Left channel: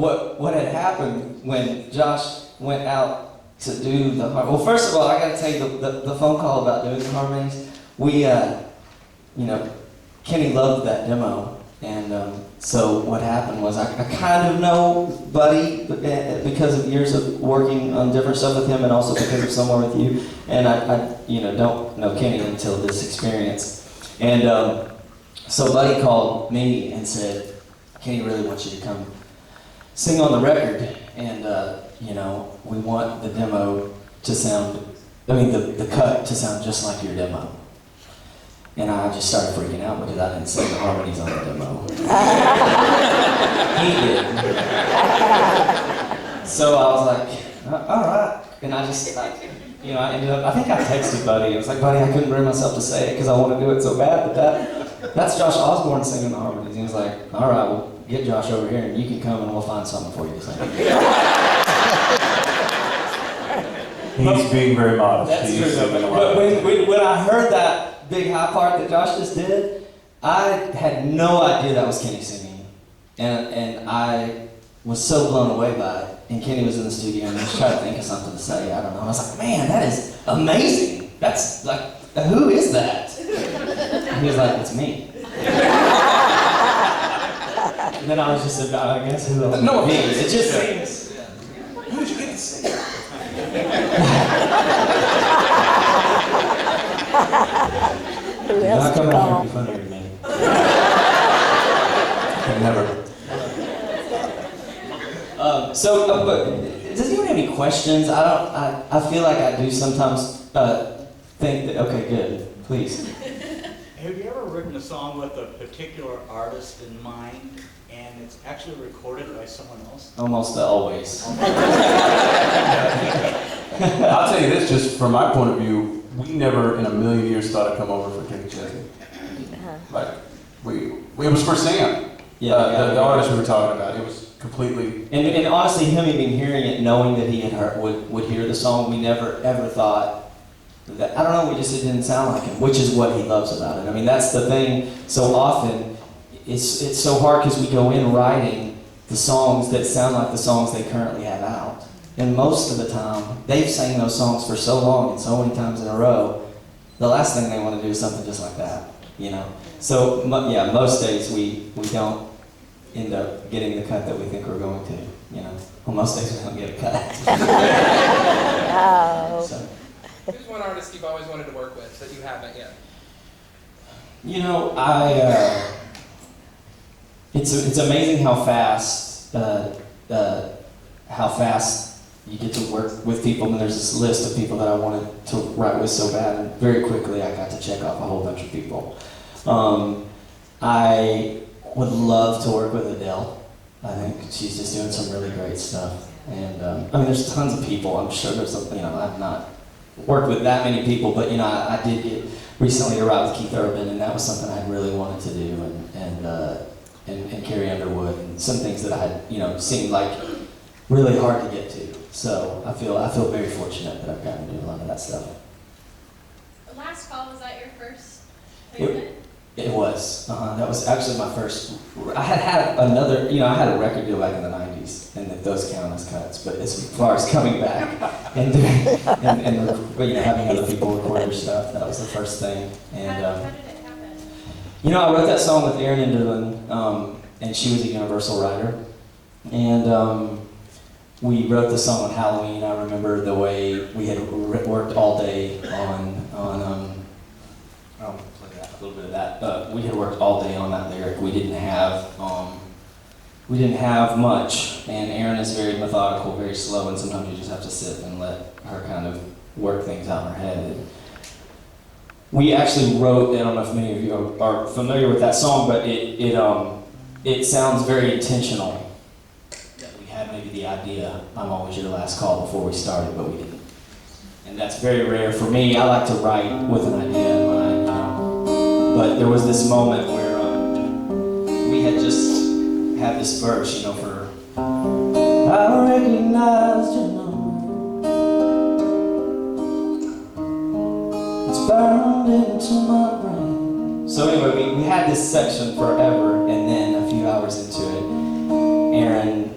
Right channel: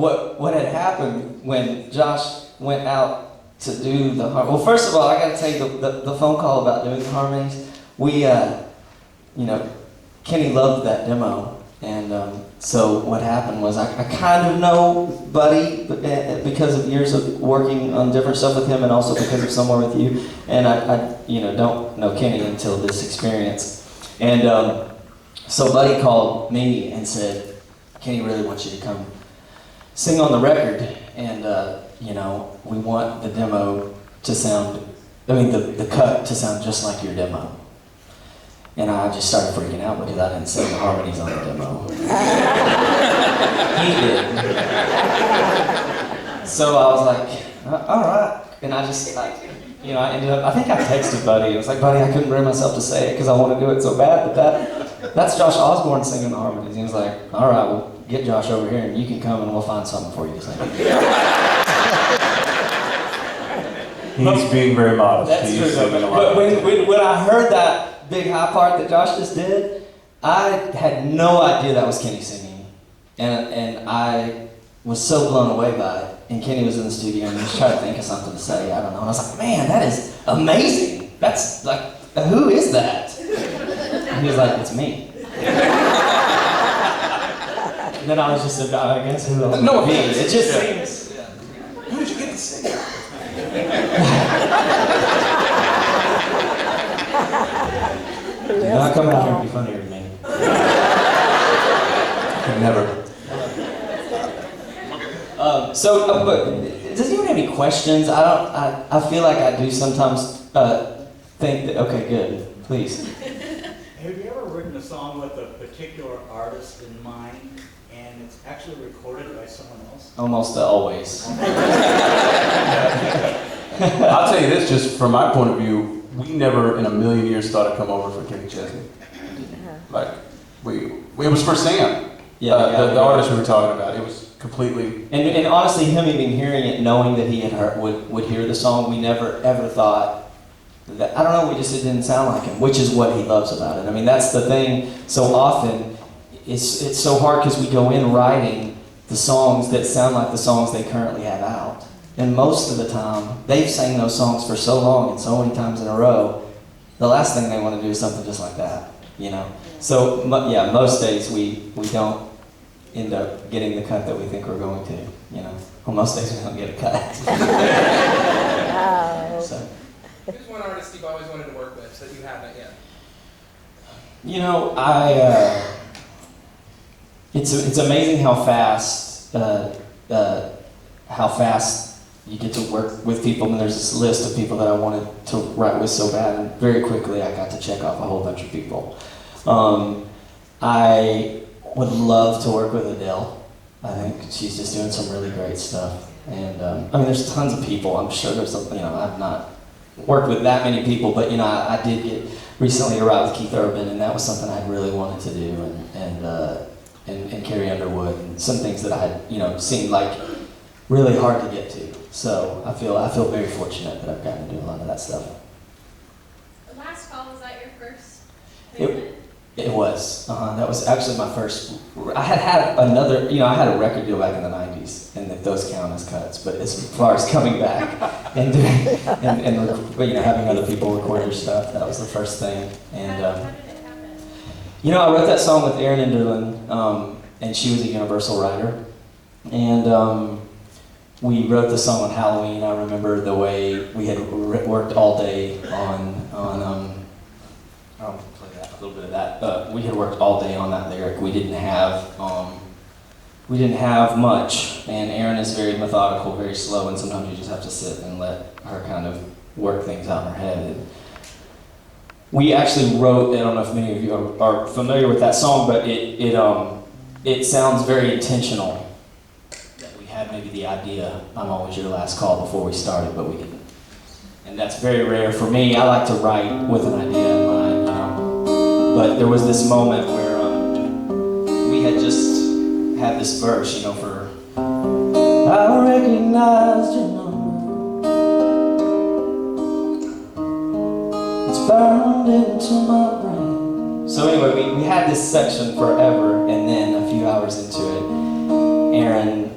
what had happened when Josh went out to do the well, first of all, I got to tell you the phone call about doing the harmonies. We, Kenny loved that demo, and so what happened was I kind of know Buddy because of years of working on different stuff with him, and also because of Somewhere With You, and I don't know Kenny until this experience, and so Buddy called me and said, Kenny really wants you to come sing on the record, and we want the demo to sound, the cut to sound just like your demo. And I just started freaking out because I didn't sing the harmonies on the demo. He did. So I was like, all right. And I just, I ended up, I think I texted Buddy. I was like, Buddy, I couldn't bring myself to say it because I want to do it so bad, but that's Josh Osbourne singing the harmonies. He was like, all right, well, get Josh over here and you can come and we'll find something for you to sing. He's being very modest. That's true, but when I heard that big high part that Josh just did, I had no idea that was Kenny singing. And I was so blown away by it. And Kenny was in the studio and he was trying to think of something to say, I don't know. And I was like, man, that is amazing. That's like, who is that? And he was like, it's me. And then I was just about, I guess, who else would it be? It just seems. Yeah. Who did you get to sing? You're not coming out here and be funnier than me. Never. But does anyone have any questions? I feel like I do sometimes think that, okay, good, please. Have you ever written a song with a particular artist in mind, and it's actually recorded by someone else? Almost always. I'll tell you this, just from my point of view, we never in a million years thought I'd come over for Kenny Chesney. Like, it was for Sam. Yeah, the artist we were talking about. It was completely. And honestly, him even hearing it, knowing that he had heard, would hear the song, we never ever thought that. I don't know. It didn't sound like him, which is what he loves about it. I mean, that's the thing. So often, it's so hard because we go in writing the songs that sound like the songs they currently have out. And most of the time, they've sang those songs for so long and so many times in a row, the last thing they want to do is something just like that, So, most days we don't end up getting the cut that we think we're going to, Well, most days we don't get a cut. So. Who's one artist you've always wanted to work with that you haven't yet? It's amazing how fast you get to work with people, and there's this list of people that I wanted to write with so bad, and very quickly I got to check off a whole bunch of people. I would love to work with Adele. I think she's just doing some really great stuff. And there's tons of people. I'm sure there's I've not worked with that many people, but I did get recently to write with Keith Urban, and that was something I really wanted to do, and Carrie Underwood, and some things that I had seemed like really hard to get to. So I feel very fortunate that I've gotten to do a lot of that stuff. The Last Call, was that your first placement? It was. That was actually my first. I had another. I had a record deal back in the '90s, and those count as cuts. But as far as coming back and doing and having other people record your stuff, that was the first thing. And how did it happen? I wrote that song with Erin Enderlin, and she was a Universal writer, and we wrote the song on Halloween. I remember the way we had worked all day on I'll play that, a little bit of that. We had worked all day on that lyric. We didn't have much, and Erin is very methodical, very slow, and sometimes you just have to sit and let her kind of work things out in her head. And we actually wrote. I don't know if many of you are familiar with that song, but it sounds very intentional. Had maybe the idea, I'm always your last call before we started, but we didn't. And that's very rare for me. I like to write with an idea in mind, But there was this moment where we had just had this verse, for I recognized your number. It's burned into my brain. So anyway, we had this section forever, and then a few hours into it, Erin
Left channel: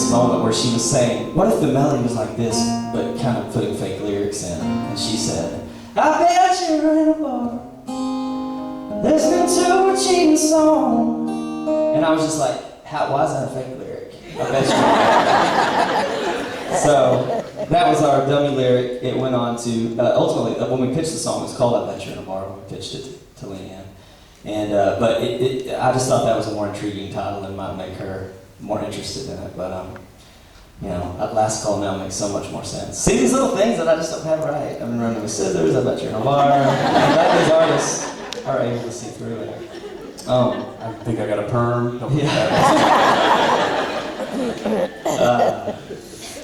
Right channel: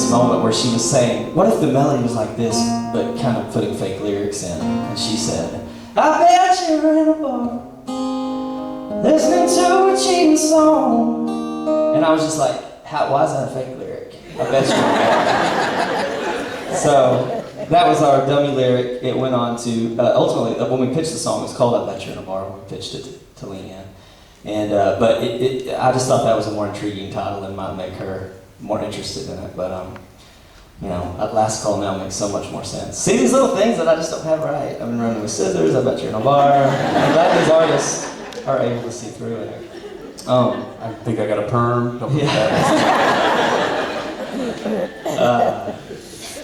this moment where she was saying, what if the melody was like this, but kind of putting fake lyrics in? And she said, I bet you're in a bar, listening to a cheating song. And I was just like, why is that a fake lyric? I bet you're in a bar. So that was our dummy lyric. It went on to, ultimately, when we pitched the song, it was called I Bet You're in a Bar when we pitched it to Leanne. And, but I just thought that was a more intriguing title and might make her more interested in it. But, you know, Last Call now makes so much more sense. See these little things that I just don't have right. I've been running with scissors, I bet you're in a bar. I'm glad these artists are able to see through it. I think I got a perm. Don't forget Yeah.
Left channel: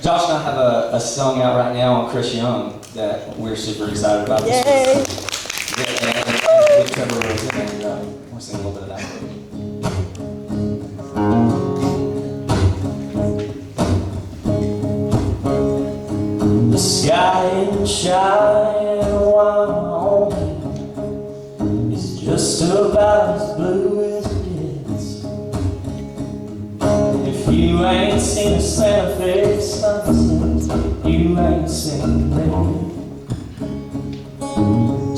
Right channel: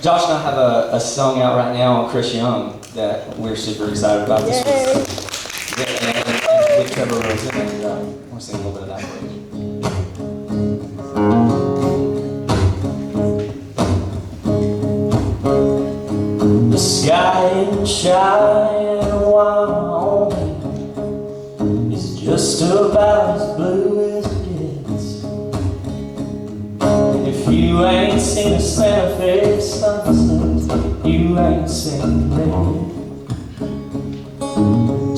Josh and I have a song out right now on Chris Young that we're super excited about this week. And with Trevor Rosen, and we'll sing a little bit of that. The sky ain't shining while it's just about as blue as it gets. And if you ain't seen a Santa Fe sunset, you ain't seen red.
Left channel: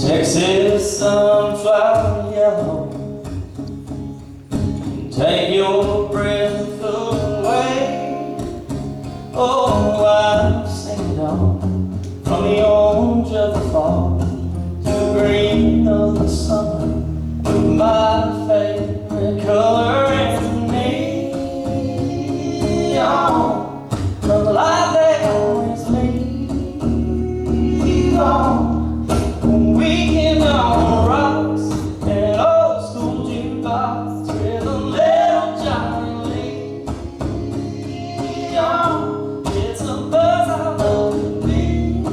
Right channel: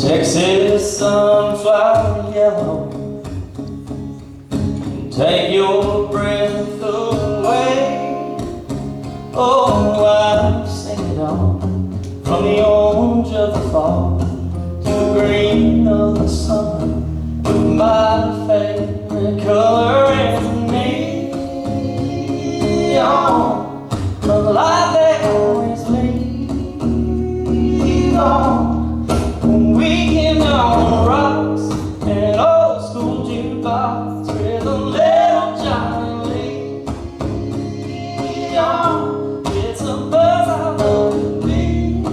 Texas sunflower yellow, take your breath away. Oh, I've seen it all, from the orange of the fall to the green of the summer. My favorite color is neon, the light they always leave on. We can on the rocks, an old school jukebox with a little Johnny Lee on. It's a buzz I love to be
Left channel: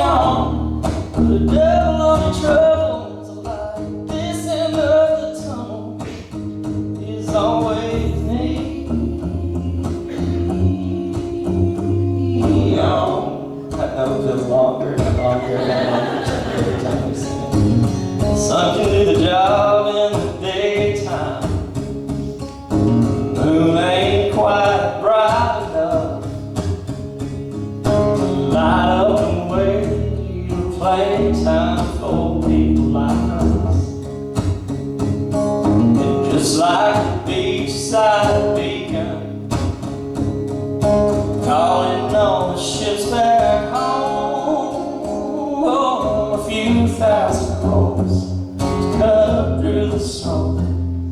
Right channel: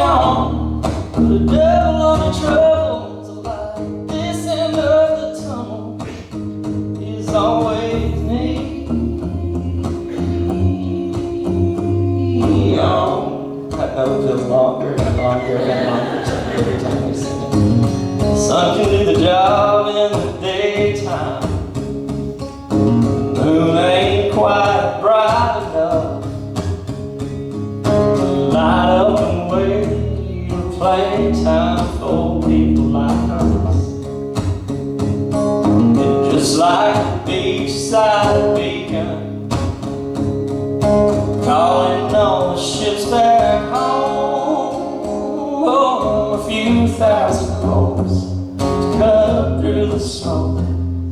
on. Put a devil on your troubles, a light this end of the tunnel is always neon. That note feels longer and longer and longer every time we sing it. The sun can do the job in the daytime. The moon ain't quite bright enough to light up and wait for playtime for people like us. And just like a beachside beacon, calling all the ships back home. Oh, a few thousand homes to cut through the snow.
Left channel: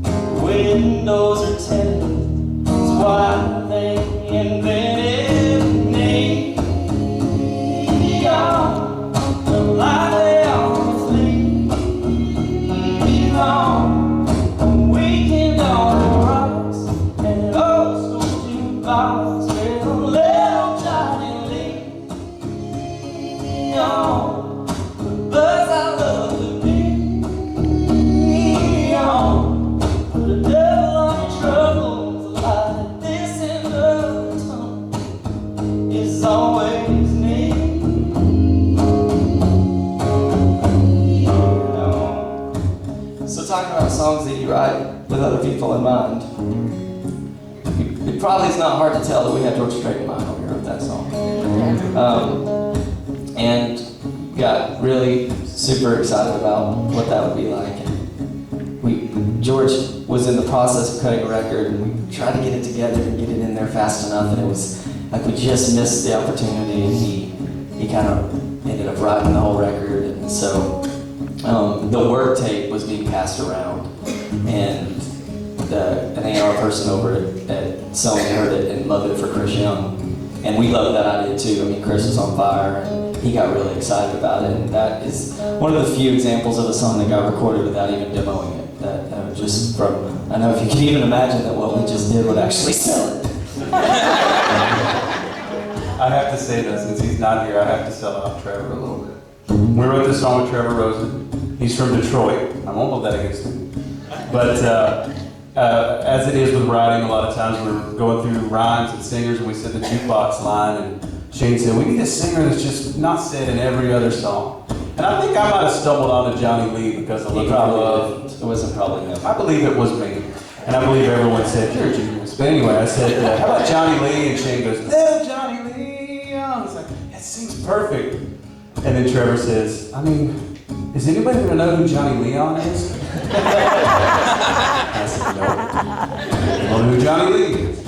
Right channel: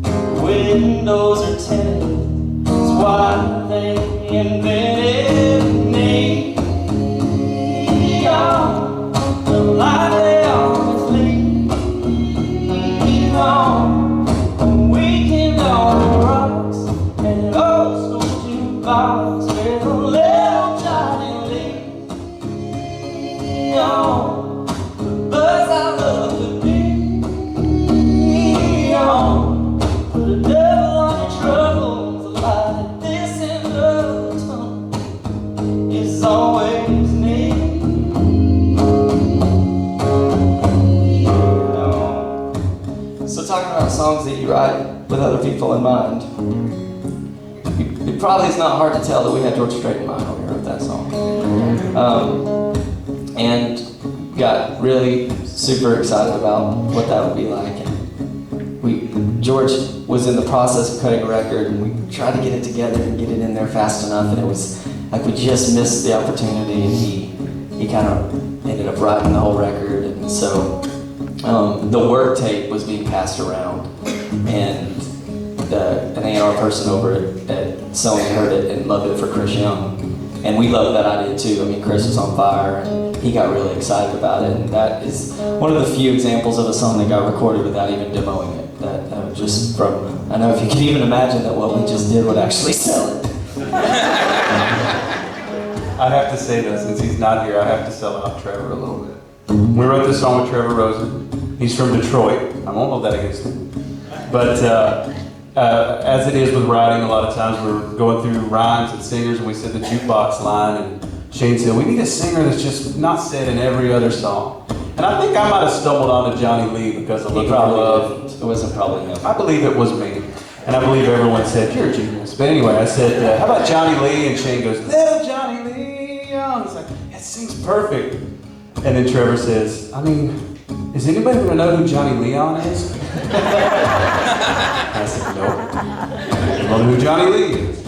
The windows are tinted, that's why they invented neon. The light they always leave on. We can on the rocks and an old school jukebox with a little Johnny Lee on. The buzz I love to be on. Put a devil on your troubles, a light this end of the tunnel is always neon. So talking about songs that you write with other people in mind, it probably is not hard to tell that we had George Strait in mind when we wrote that song. And got really super excited about what that would be like. And George was in the process of cutting a record, and we tried to get it together and get it in there fast enough, and it was like we just missed the opportunity, and he kind of ended up writing the whole record. And so the work tape was being passed around, and an A&R person over at Sony heard it and loved it for Chris Young. And we loved that idea too. I mean, Chris was on fire, and he got really excited about it. And that is one of the few examples of a song that got recorded without even demoing it. That just from, I know if you could even imagine that what we just did would actually sell it. I have to say that since he's not here, I have to sell out Trevor a little bit. We wrote this song with Trevor Rosen. He's from Detroit. I won't hold that against him. But as it is with writing, a lot of times we're going through rhymes and singers, and we said the jukebox line, and Shane said, we need a singer that's just not said in every other song. And I think I might have stumbled onto Johnny Lee because of Looking for Love. It wasn't probably him. I believe it was me. And I believe everyone said, "You're a genius." But anyway, I said, "How about Johnny Lee?" And Shane goes, "Little Johnny Lee." I was like, "That seems perfect." And then Trevor says, "I mean, is anybody going to know who Johnny Leon is?" I said, "No. I don't know who Johnny Lee is."